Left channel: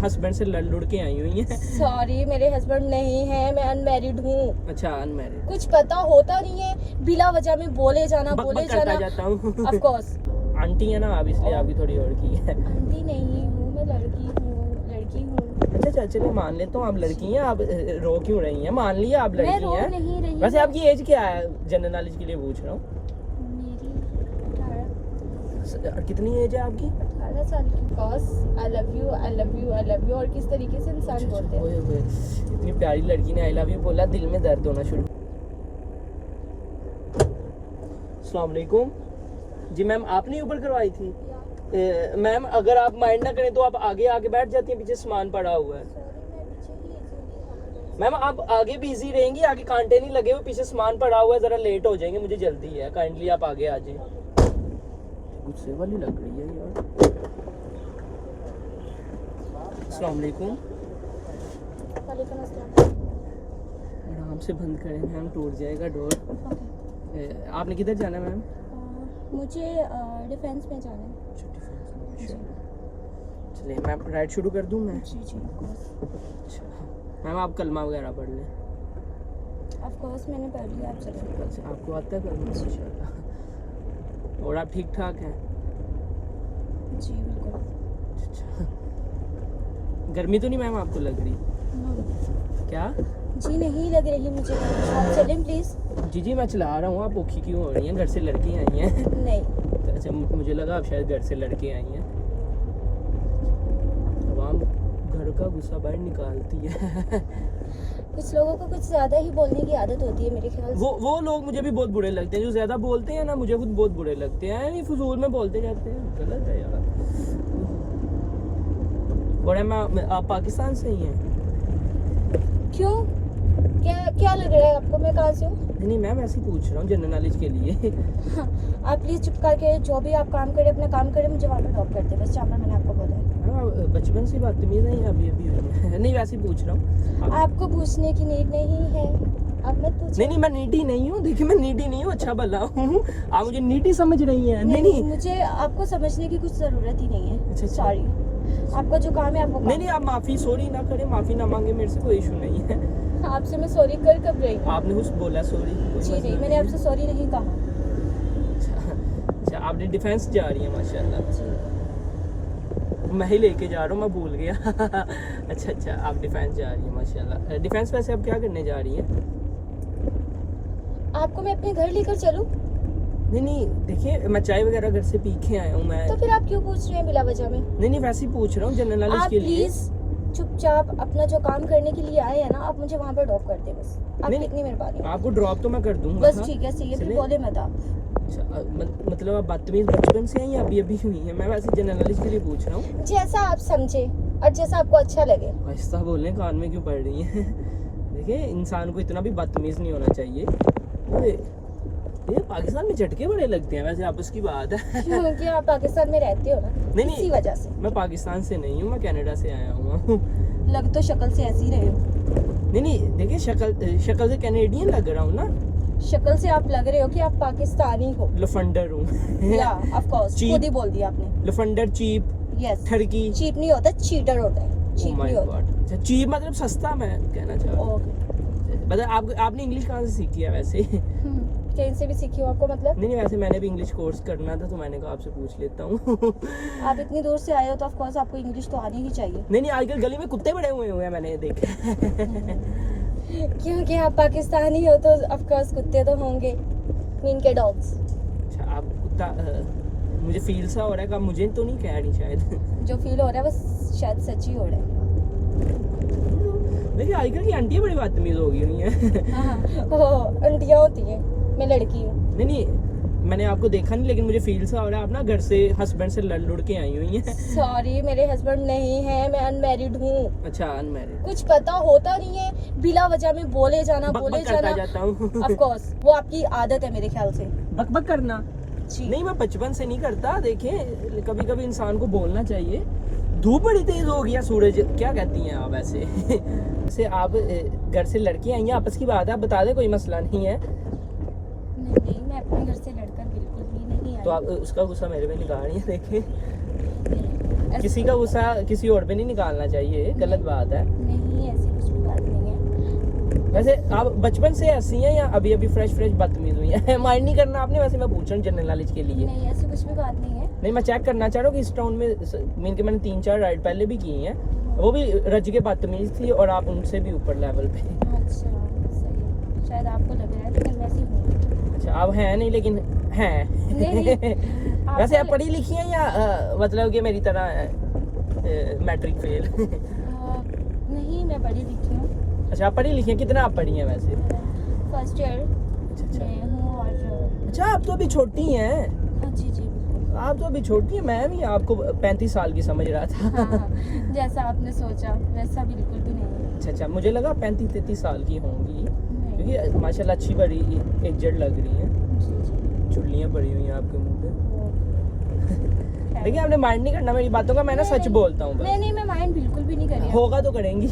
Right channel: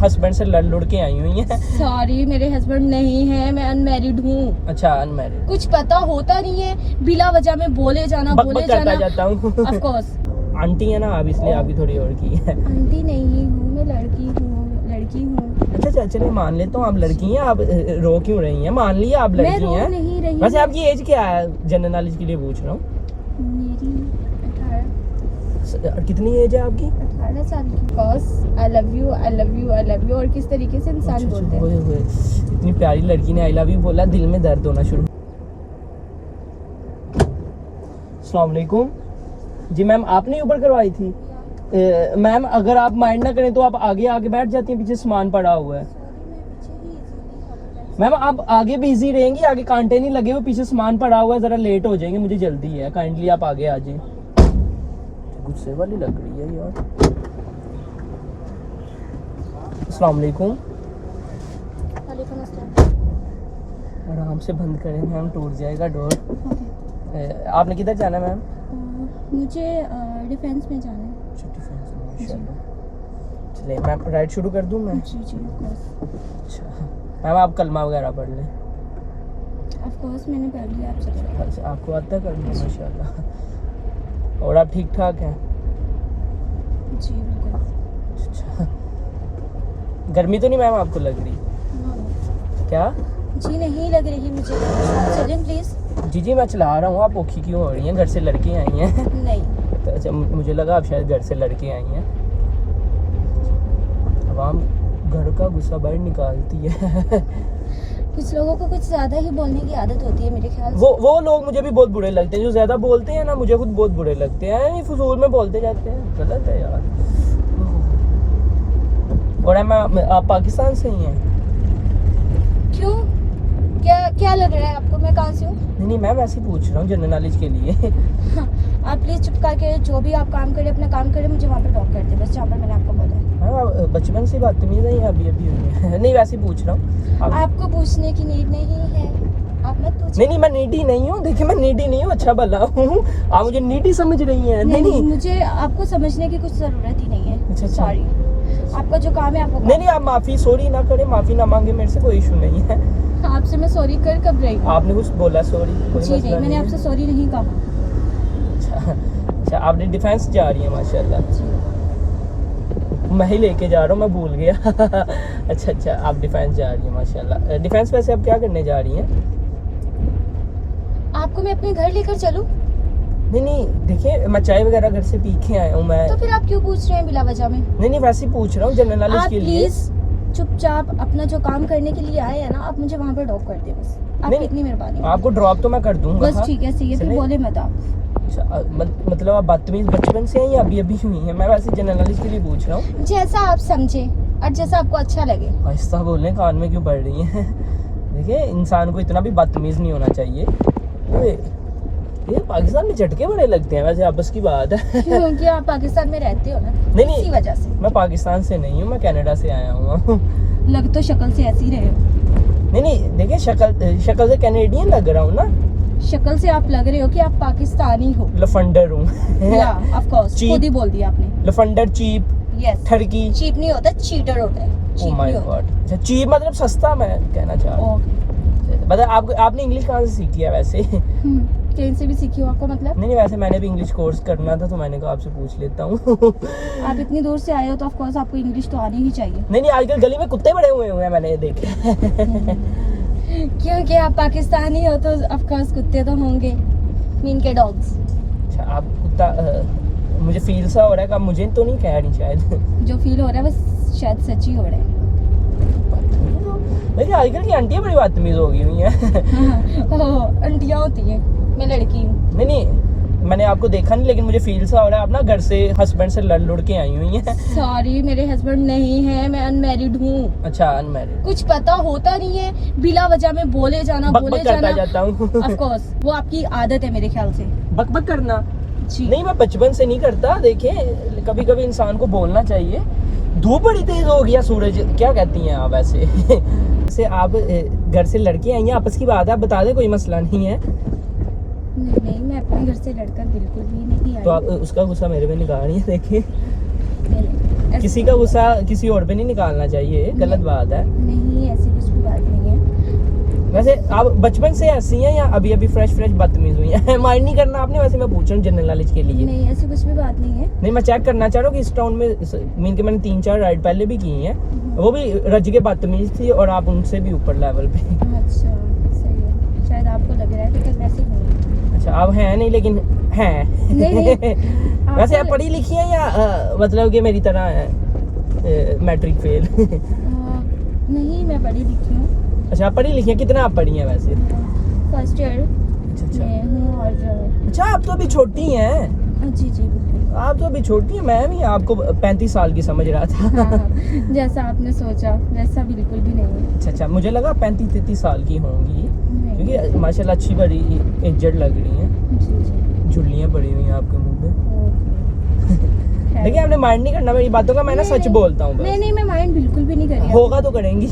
Husband से लड़ के आई हुई हैं। सॉरी, मेरे हस्बैंड नहीं है, मैं अनमैरिड हूँ। अच्छा, अनमैरिड। कुछ पता होता नहीं है, बिला वजह में बोले जाना बोले जाना। जाता हूँ। ऑफ कोर्स आंटी है ना आप, इसलिए आपकी थोड़ी और की है। आंटी नहीं हूँ, मैं लड़की हूँ। अच्छा चलिए मान लेता हूँ आप लड़की हैं। आप रो क्यों रही हैं? मान लिया आप मैं लड़की रो हैं। नहीं रही। वैसे आपकी एज क्या है? जनरल नॉलेज के लिए पूछ रहा हूँ। मेरी 18। कितनी एज है आपकी? 18 साल की। Cause I love you, I love you, I love you. और किस तरीके से इंसान बोलते हैं। ओए इतनी प्यारी लड़की ने आई लव यू बोला, दिल में दर्द होना शुरू। अस्सलाम वालेकुम जी मैम, आपने ऊपर करवाई थी? मैम अगर आप माइंड ना करें तो आप आगे आके बैठ जाती हैं, पीछे सामान पड़ा हुआ है। मैम आप आगे भी इजी रहेंगी, आगे कांटे नहीं लगे हुए, पीछे सामान पड़ा हुआ है, जरा लेट हो जाएंगे, मुझे जल्दी है, काइंडली आप आगे आ जाइए। गुस्से वाली लग रही है यार। अस्सलाम वालेकुम। वालेकुम अस्सलाम। आराम से बंद करें मैम, टूट जाएगा डोर। आपने किधर जाना है मैम? मुझे डिफेंस में जाना है। चलिए मैम राइड शुरू कर दूं मैं? जी ऑफ कोर्स। अच्छा मैम आप कलमा वगैरह पढ़ लें। ऑफ कोर्स मैंने पढ़ लिया। आप चलिए। अच्छा आपको आता है करना? माशाल्लाह। और आप ठीक ठाक हैं? जी बिल्कुल। अच्छा गर्मी तो नहीं मैम आपको लग रही? क्या? जी नहीं लग रही मुझे। चलें प्लीज़। जी मैं चला रहा हूँ, आप औखी क्यों हो रही हैं? घर से लड़की आई हैं? नहीं। तो अच्छा मुझे लगा आप शायद घर से लड़के आई हैं। आवाम घर का गुस्सा बाहर निकालती है। कुछ लोगों को कुछ ज़्यादा ही बोलने की आदत होती है मेरे ख्याल से। वो लोग मुझे भी बहुत बुरे लगते हैं जो ज़्यादा बोलते हैं ना, मुझे खुद बहुत बुरे लगते हैं। नहीं फजूल में बोलते जाते हैं, गलत है यार। और आप पाकिस्तान से ही हैं? क्यों? क्या लग रहा है आपको? मैं कहाँ से हूँ? नहीं मैं वैसे पूछ रहा हूँ जनरल नॉलेज के लिए। आप प्लीज़ चुप करके जो भी आप काम करें अपना काम करें, मुझे वहाँ पर ड्रॉप कर दे बस, जहाँ पर मैंने आपको बोला है। हाँ बचपन से बदतमीज है अभी नहीं वैसे ही पूछ रहा हूँ। आपको पूछने की नीड नहीं है, आप मत पूछिए। नहीं मैं नीडी नहीं हूँ, देखिए मैं नीडी नहीं हूँ, अच्छा भला हूँ। आप मुझे नीडी समझ रही हैं? नहीं मुझे आपको समझने की कुछ ज़रूरत ही नहीं है। अच्छा। सॉरी, आपका जो काम है आपको नहीं आप माफ़ी सॉरी ना करें, माफ़ी ना मांगे, मेरे से कोई इशू नहीं है। आपसे मैं सॉरी कर कब रही हूँ? आपने कुछ बोला सॉरी? जी नहीं, मैंने आपसे सॉरी नहीं कहा। अच्छा आपने डिफेंस जा रही है माशाल्लाह। जी मैं ही लेके जा रहा हूँ, मैं भूल गया। अच्छा आप डिफेंस जा रही है माशाल्लाह। डिफेंस वैसे आप क्या करने जा रही हैं? आपको मैं अपने घर लेकर चलूं? नहीं देखिए मैं चाय वगैरह घर से पी के आया हूँ मैं। तो फिर आप क्यों पूछ रहे हैं बिला वजह में? नहीं वैसे ही पूछ रहा हूँ जनरल नॉलेज के लिए। प्लीज चुपचाप अपना जो काम करने के लिए आए हैं ना, आप मुझे वहाँ पर ड्रॉप कर दे बस। आपकी इतनी मेहरबानी। आपको ड्रॉप तो मैं कर दूंगा। बस ठीक है, सही है, फिर बोले मत आप। अच्छा मतलब आप बदतमीज बचपन से हैं या अभी हुई हैं? मैं वैसे जनरल नॉलेज के लिए पूछ रहा हूँ। जैसा आप समझे और जैसा आपको अच्छा लगे। आहिस्ता बोलने, कान में क्यों पड़ रही हैं? देखिए इंसान को इतना भी बदतमीज नहीं होना चाहिए। ये पाकिस्तान में झटके बड़े लगते हैं वैसे, आपस की बात है। क्योंकि आप पाकिस्तान में रहते हो ना, इसी वजह से। मैं पाकिस्तान से नहीं हूँ, मैं कनाडा से आया हूँ। लग तो शक्ल से ऐसे ही रहे हो। नहीं देखिए शक्ल से कैनेडियन लग रहा हूँ ना। शक्ल से आप लग रहे हो कि आप पाकिस्तानी हो। लफंडर हूँ। या ऑफ कोर्स, खुद ही बोल दिया आपने। लफंडर, चीप, यस। ठरकी। चीप नहीं होता, चीटर होता है। चीप नहीं होता। चीप मतलब सस्ता, मैं कहना चाह रहा हूँ। मतलब आपने इंग्लिश कहाँ से सीखी है वैसे? कहीं से भी सीखी हो आपको मतलब? नहीं वैसे मैंने भी इंग्लिश कोर्स करना था तो मैंने कहा आपसे पूछ लेता हूँ। आप इतनी दूर से आए हो तो ऑफ कोर्स आपको इंग्लिश तो आनी ही चाहिए। नहीं आजकल गली में कुत्ते बड़े हुए हैं मैंने देखे। क्योंकि आप पाकिस्तानी हो तो ऑफ कोर्स कुत्ते तो होंगे, मीन के डॉग्स। अच्छा आप कुत्ता, मुझे फील सा हो रहा है कि मुझे तो नहीं कह रही शायद। जो फील हो रहा है वो शायद सच ही हो रहा है। लेकिन आजकल की आंटियां बड़ी बदतमीज हो गई हुई हैं। ओह आंटियां होती हैं, मैं लड़की हूँ। नहीं मैंने आपको देखा नहीं, लेकिन मुझे फील सा हो रहा है आप ना घर से हस्बैंड से लड़ के आई हुई हैं। सॉरी मेरे हस्बैंड नहीं है, मैं अनमैरिड हूँ। अच्छा अनमैरिड। कुछ पता होता नहीं है, बिला वजह में बोले जाना बोले जाना। जाता हूँ। ऑफ कोर्स वो आपकी आदत है मेरे ख्याल से। बक करना जी नहीं, मैं बचपन से नहीं करता। देखिए कभी कभी इंसान को बोलना चाहिए। धूप बड़ी तेज हो गया, सूरज क्या कहती हैं आप वैसे? से आप घर से लड़के आई हैं, आपस की बात है, आप बता दें, कोई मसला नहीं है। नहीं मैं अपने घर से लड़कर बिल्कुल भी नहीं आई। तो आप उसका गुस्सा मेरे पे निकाल रही है, देखिए। किसी का गुस्सा किसी और पे नहीं निकालना चाहिए, गलत बात है। नहीं, ऐसी कुछ भी बात नहीं है। वैसे आप बचपन से ऐसी हैं या अभी अभी फ्रेश बदतमीज हुई हैं? माइंड नहीं करना आपने, वैसे मैं पूछ रहा हूँ जनरल नॉलेज के लिए। नहीं, ऐसी कुछ भी बात नहीं है। नहीं, मैं चेक करना चाह रहा हूँ कि इस टाउन में मीन के मैंने 3-4 राइड पहले भी की हैं, वो भी रज के बदतमीज थी और आप उनसे भी ऊपर लेवल पे। अच्छा, सही है, शायद आपको लग रहा है लेकिन वैसे ही हूँ। अच्छा, आप हैं नहीं लेकिन हैं। नहीं। वैसे आप पढ़ी लिखी हैं या मतलब कि मेरी तरह मैट्रिक फेल? नहीं, मैं पढ़ी लिखी हूँ। अच्छा, आप पढ़ी लिखी हैं, कितना आप पढ़ी हैं वैसे? फर्स्ट ईयर में हूँ और अच्छा, आप तो अभी छोटी हैं। जी जी बिल्कुल। आप तो अभी छोटी हैं, मैं भी आपको 35 साल की समझ रहा था। हाँ, जैसा आपने सोचा वैसा बिल्कुल भी नहीं है। अच्छा, मुझे लगा 35-33 साल की होंगी, नहीं। क्योंकि माशाल्लाह अच्छी बड़ी एजड लग रही हैं। जी जी। झुर्रियाँ पड़ी हुई हैं आपके मुंह पे। ओके। देखिए, आपने माइंड नहीं करना मेरी बातों का, मैं ना सच बोलता हूँ। नहीं नहीं, मैं माइंड बिल्कुल भी नहीं कर रही। होगा तो करेंगी।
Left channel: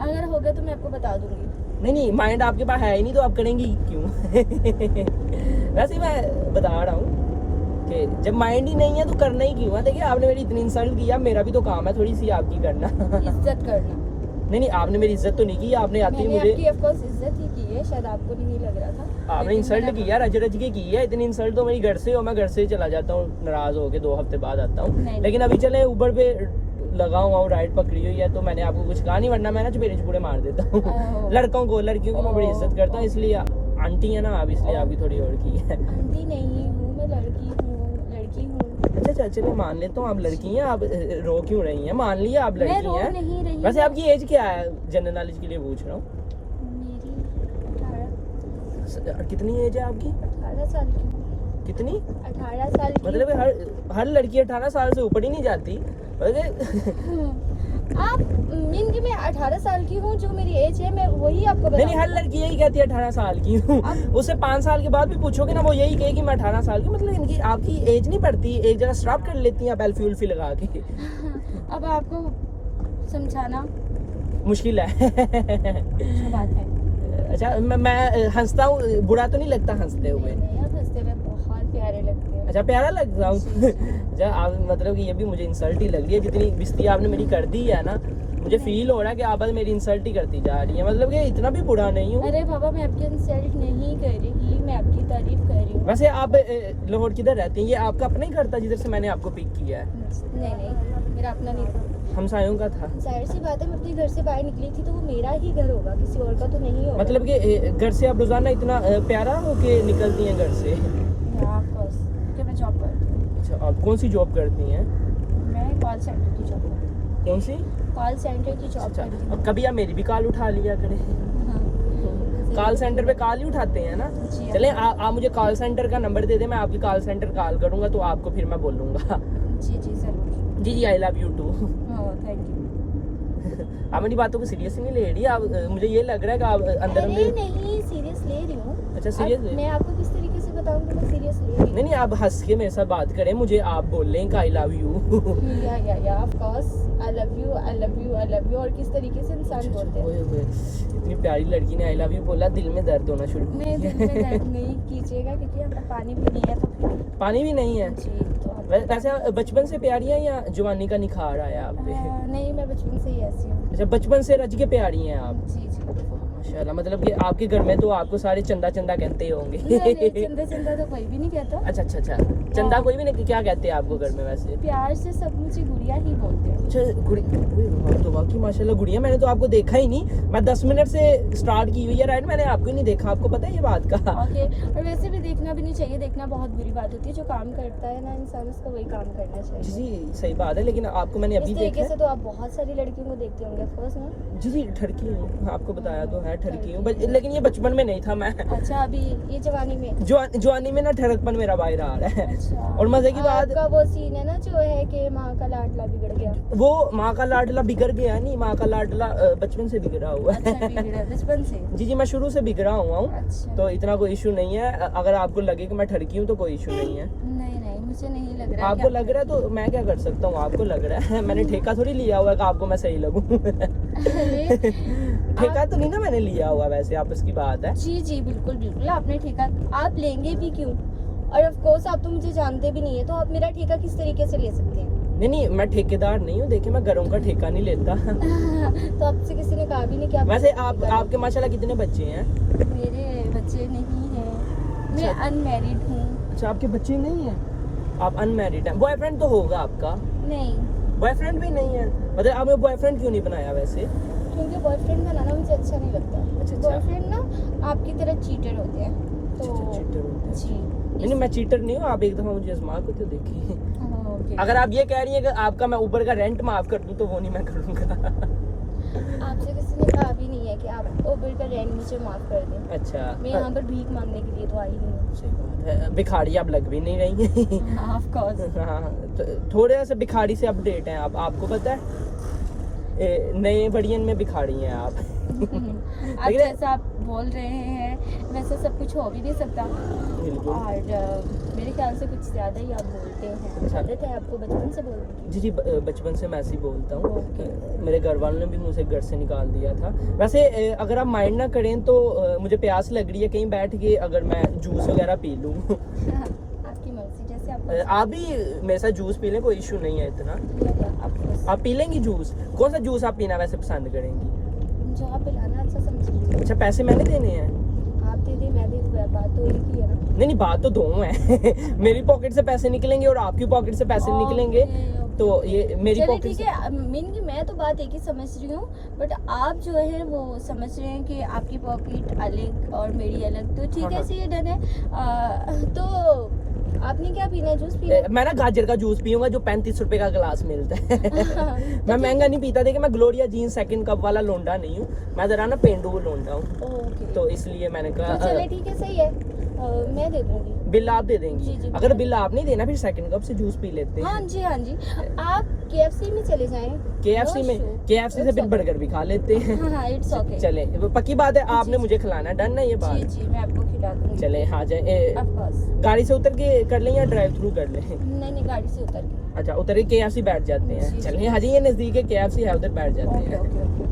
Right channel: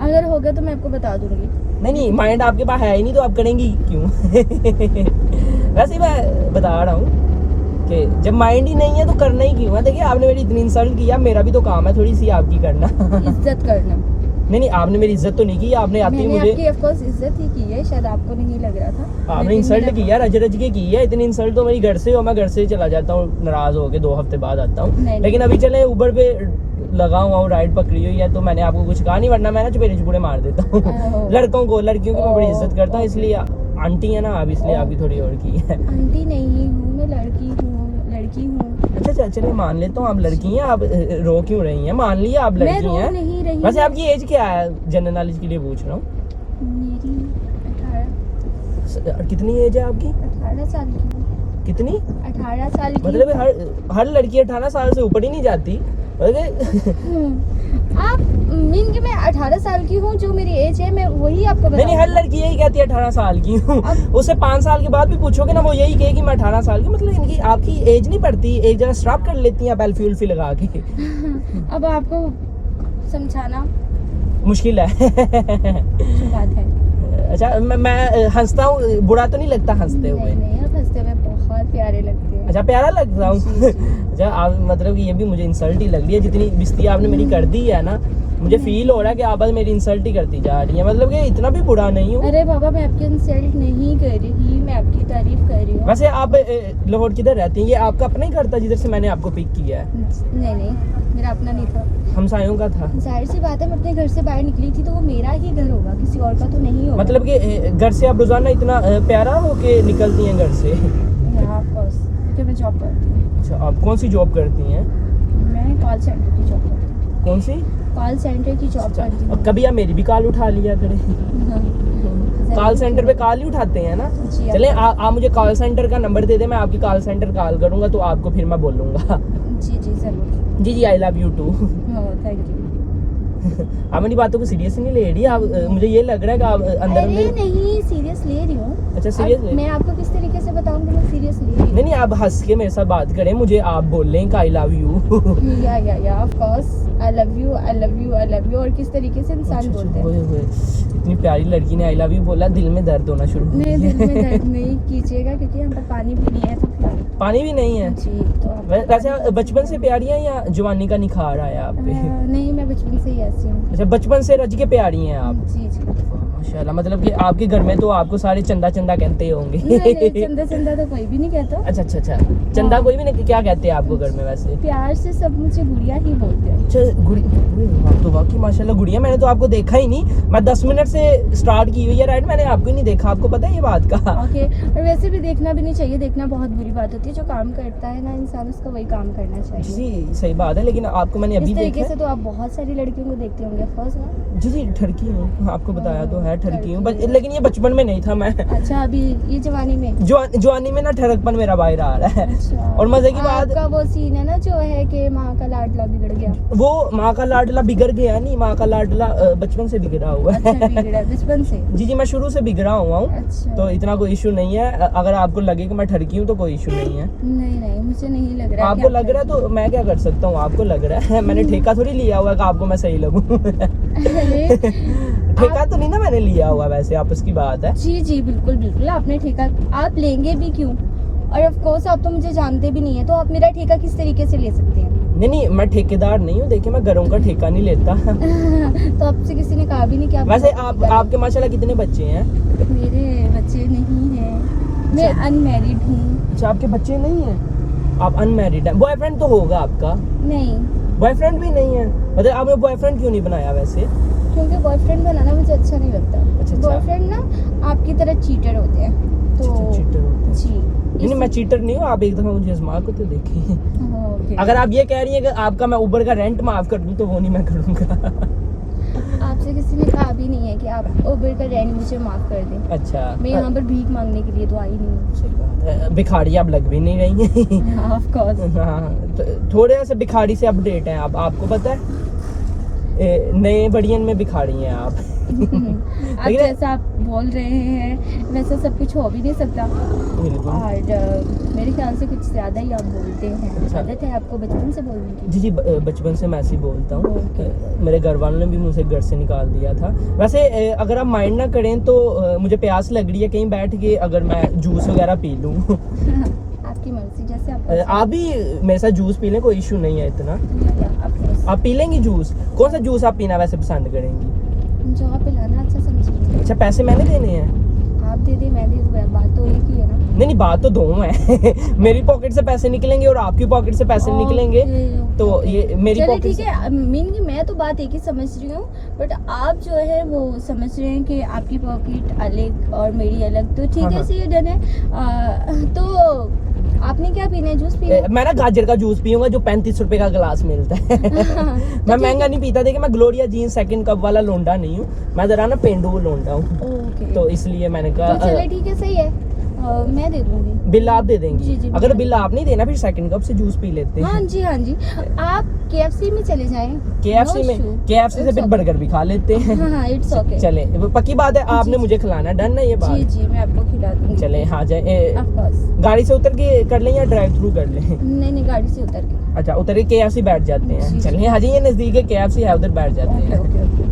अगर होगा तो मैं आपको बता दूंगी। नहीं, माइंड आपके पास है ही नहीं तो आप करेंगी क्यों? वैसे ही मैं बता रहा हूँ कि जब माइंड ही नहीं है तो करना ही क्यों है। देखिए, आपने मेरी इतनी इंसल्ट किया, मेरा भी तो काम है थोड़ी सी आपकी करना। इज्जत करना। नहीं, आपने मेरी इज्जत तो नहीं की, आपने आती मैंने मुझे आपकी ऑफ कोर्स इज्जत ही की है, शायद आपको नहीं लग रहा था। आपने इंसल्ट किया, रज के की है। इतनी इंसल्ट तो मेरी घर से हो, मैं घर से चला जाता हूँ नाराज होके, 2 हफ्ते बाद आता हूँ। लेकिन अभी चले ऊबर पे लगा हुआ हूँ, राइड पकड़ी हुई है, तो मैंने आपको कुछ कहा नहीं, वरना मैं ना चपेड़े चुपेड़े मार देता हूँ। लड़कियों की मैं बड़ी इज्जत करता हूँ, इसलिए आंटी है ना आप, इसलिए आपकी थोड़ी और की है। आंटी नहीं हूँ मैं, लड़की हूँ। अच्छा, चलिए मान लेता हूँ आप लड़की हैं। आप रो क्यों रही हैं? मान लिया आप लड़की हैं। मैं रो नहीं रही। वैसे आपकी एज क्या है? जनरल नॉलेज के लिए पूछ रहा हूँ। मेरी 18। कितनी एज है आपकी? 18 साल की हूँ। कितनी? 18 साल की। मतलब हर लड़की 18 साल से ऊपर ही नहीं जाती। आप मीन कि मैं 18 साल की हूँ, जो मेरी एज है मैं वही आपको बता। नहीं, हर लड़की यही कहती है 18 साल की हूँ। उससे 5 साल के बाद भी पूछोगे ना, वो यही कहेगी मैं 18 साल की। मतलब इनकी आपकी एज नहीं पड़ती, एक जगह स्टॉप कर लेती हैं आप एल्फी उल्फी लगा के। अब आपको समझाना मुश्किल है। जो बात है। अच्छा, मैं हंसता हूँ, बुरा तो नहीं लगता हंसते हुए? नहीं, आप हंसते हुए बहुत प्यारे लगते हैं। अच्छा, प्यारा लगता हूँ। अच्छा, आप मतलब कि ये भी मुझे इंसल्ट ही लग रही है, जितनी बिस्ती आपने मेरी कर दी है ना, मुझे फील हो रहा है कि आप बस मेरी इंसल्ट ही करती जा रही है। मतलब कि इतना भी बुरा नहीं हूँ। अरे बाबा, मैं आपकी इंसल्ट नहीं कर रही, मैं आपकी तारीफ कर रही हूँ। वैसे आप लाहौर किधर रहती हैं? ये आपका अपना ही घर था जिधर से मैंने आपको पिक किया है? नहीं, मेरा अपना नहीं था, हमसायों का था। जाहिर सी बात है, मैं अपने घर से बाहर निकली थी तो वो मेरा ही घर होगा, किसी और का तो नहीं होगा। मतलब कि घर से आप रोजाना इतना प्यारा होके निकलती हैं घर से? ऑफ कोर्स, क्योंकि मैं जॉब करती हूँ। अच्छा, आप कौन सी जॉब करती हैं? मैं कॉल सेंटर की जॉब करती हूँ। कौन सी? कॉल सेंटर की जॉब करती हूँ। कभी आप मेरी भी कॉल उठा लिया करें। कॉल सेंटर पे कॉल ही उठाते हैं ना? चले आप मुझे कॉल सेंटर का नंबर दे दे, मैं आपकी कॉल सेंटर कॉल करूंगा तो आपको फिर मैं बोलूंगा। जी जरूर। जी, I love you too. Thank you. आप मेरी बातों को सीरियस नहीं ले रही आप? मुझे ये लग रहा है कि आप अंदर नहीं, सीरियस ले रही हूँ। अच्छा, सीरियस? मैं आपको किस तरीके से बताऊँ कि मैं सीरियस ले रही हूँ? नहीं, आप हंस के मेरे साथ बात करें, मुझे आप बोल लें आई लव यू। या of course, I love you. और किस तरीके से इंसान बोलते हैं? इतनी प्यारी लड़की ने आई लव यू बोला, दिल में दर्द होना शुरू। नहीं, दिल में दर्द नहीं कीजिएगा, क्योंकि यहाँ पर पानी भी नहीं है। तो पानी भी नहीं है जी, तो वैसे बचपन से प्यारी है या जवानी का निखार आया आप पे? नहीं, मैं बचपन से ही ऐसी हूँ। अच्छा, बचपन से रज के प्यारी हैं आप? जी माशाल्लाह। मतलब कि आपके घर में तो आपको सारे चंदा कहते होंगे। नहीं, चंदा तो कोई भी नहीं कहता। अच्छा, चंदा कोई भी नहीं? क्या कहते हैं आपको घर में वैसे? प्यार से सब मुझे गुड़िया ही बोलते हैं। अच्छा, गुड़िया तो वाकई माशाल्लाह गुड़िया। मैंने तो आपको देखा ही नहीं, मैं 10 मिनट से स्टार्ट की हुई है राइड, मैंने आपको ही नहीं देखा। आपको पता है ये बात का? ओके, और वैसे भी देखना भी नहीं चाहिए, देखना बहुत बुरी बात होती है। जो काम करता है ना इंसान, उसका वही काम करना चाहिए। जी, सही बात है, लेकिन आपको मैंने अभी इस देखा तरीके से तो आप बहुत सारी लड़कियों को देखते होंगे ऑफ कोर्स ना। जी, ठरकी हूँ, आपको बताया तो है, ठरकी हूँ, लेकिन ये बचपन में नहीं था मैं। अच्छा, अभी ये जवानी में? जवानी में ना ठरकपन मेरा बाहर आ रहा है। अच्छा, और मजे की बात आपका वो सीन है ना जो है कि माँ का लाडला बिगड़ गया। वो माँ का लाडला बिगड़ गया नहीं, माँ का लाडला बचपन से बिगड़ा हुआ है। अच्छा, बिगड़ा बचपन से? जी, मैं शुरू से बिगड़ा हुआ हूँ। अच्छा, तो इतना कोई इशू नहीं है। अगर आपको लगे कि मैं ठरकी हूँ तो कोई इशू नहीं है। नहीं, मुझे नहीं लग रहा। आपको लग रहा है तो मैं क्या कर सकता हूँ? आपको लग रहा है, मैंने ठेका थोड़ी लिया हुआ है कि आपको मैं सही लगूं। ठेका तो नहीं ना मैंने लिया हुआ, वैसे आपस की बात है। जी बिल्कुल, आपने ठेका, आप लेंगे भी क्यों? और ऑफ कोर्स आप तो मुझे जानते भी नहीं है, तो आप मेरा ठेका किस तरीके से ले सकते हैं? नहीं मैं ठेकेदार नहीं हूँ, देखिए मैं घरों का ठेका नहीं लेता। तो आपसे किसी ने कहा भी नहीं कि आप वैसे आप आपके माशाल्लाह कितने बच्चे हैं? मेरे बच्चे नहीं हैं, मैं अनमैरिड हूँ। अच्छा आपके बच्चे नहीं हैं, आप अनमैरिड हैं। बॉयफ्रेंड तो होगा आपका? नहीं, बॉयफ्रेंड भी नहीं है, मतलब आपने बॉयफ्रेंड क्यों नहीं बनाया वैसे? क्योंकि बॉयफ्रेंड बनाना मुझे अच्छा नहीं लगता। अच्छा। बॉयफ्रेंड ना आपकी तरह चीटर होते हैं, तो चीटर होते हैं। जी नहीं मैं चीटर नहीं हूँ, आप एक दफा मुझे आजमा को तो देखिए। ओके। अगर आप ये कह रही है कि आपका मैं उबर का रेंट माफ कर दूं तो वो नहीं मैं करूँगा। आपसे किसी ने कहा भी नहीं है कि आप उबर का रेंट मुझे माफ कर दें। अच्छा मैं यहाँ पर भीख मांगने के लिए तो आई नहीं हूँ। सही बात है, भिखारी आप लग भी नहीं रही हैं। Of course. हाँ थोड़े से भिखारी से अपडेट हैं आप, आपको पता है नए बड़ियन में भिखारी हैं आप। आप जैसा आप बोल रहे हैं वैसा सब कुछ हो भी नहीं सकता, और मेरे ख्याल से कुछ ज़्यादा ही आप बोलते हैं। आदत है आपको बचपन से बोलने की? जी बचपन से मैं ऐसे ही बोलता हूँ। ओके। मेरे घर वालों ने भी मुझे घर से निकाल दिया था। वैसे अगर आप माइंड ना करें तो मुझे प्यास लग रही है, कहीं बैठ के अगर मैं जूस वगैरह पी लूँ। आपकी मर्जी, जैसे आप भी मेरे साथ जूस पी लें, कोई इशू नहीं है इतना। आप पी लेंगी जूस? कौन सा जूस आप पीना वैसे पसंद करेंगी? जो आप पिलाना अच्छा समझिए। अच्छा पैसे मैंने देने हैं? आप दे दे मैं दे दूँ, बात तो एक ही है ना। नहीं बात तो दो है। मेरी पॉकेट से पैसे निकलेंगे और आपकी पॉकेट से पैसे निकलेंगे, तो ये मेरी चलिए पॉकेट ठीक है। मीन की मैं तो बात एक ही समझ रही हूँ, बट आप जो है वो समझ रहे हैं कि आपकी पॉकेट अलग और मेरी अलग, तो ठीक है, सही डन है। तो आपने क्या पीना है? जूस पीना है? मैं ना गाजर का जूस पीऊंगा जो 35 रुपए का गिलास मिलता है। मैं महंगा नहीं पीता, देखिए मैं ग्लोरिया जीन्स सेकंड कप वाला लोंडा नहीं हूँ, मैं जरा ना पेंडू लोंडा हूँ। ओके, तो इसलिए मैंने कहा तो चलिए ठीक है, सही है। मैं दे दूंगी। बिल आप दे देंगी? जी, जी, अगर बिल बिल आप नहीं देना फिर सेकंड कप से जूस पी लेते हैं। हाँ जी हाँ जी। आप KFC में चले जाएं। KFC में, KFC से फिर बर्गर भी खा लेते हैं। हाँ इट्स ओके। चले पक्की बात है, आपने मुझे खिलाना, डन है ये बात? जी जी मैं आपको खिला दूंगी। चले हाँ जाए। Of course. गाड़ी से उतर के कर लें या ड्राइव थ्रू कर लें? नहीं गाड़ी से उतर के। अच्छा उतर के KFC बैठ जाते हैं। जी, जी। चलिए हाँ जी, ये नजदीक है KFC है, उधर बैठ जाते हैं। Okay okay okay.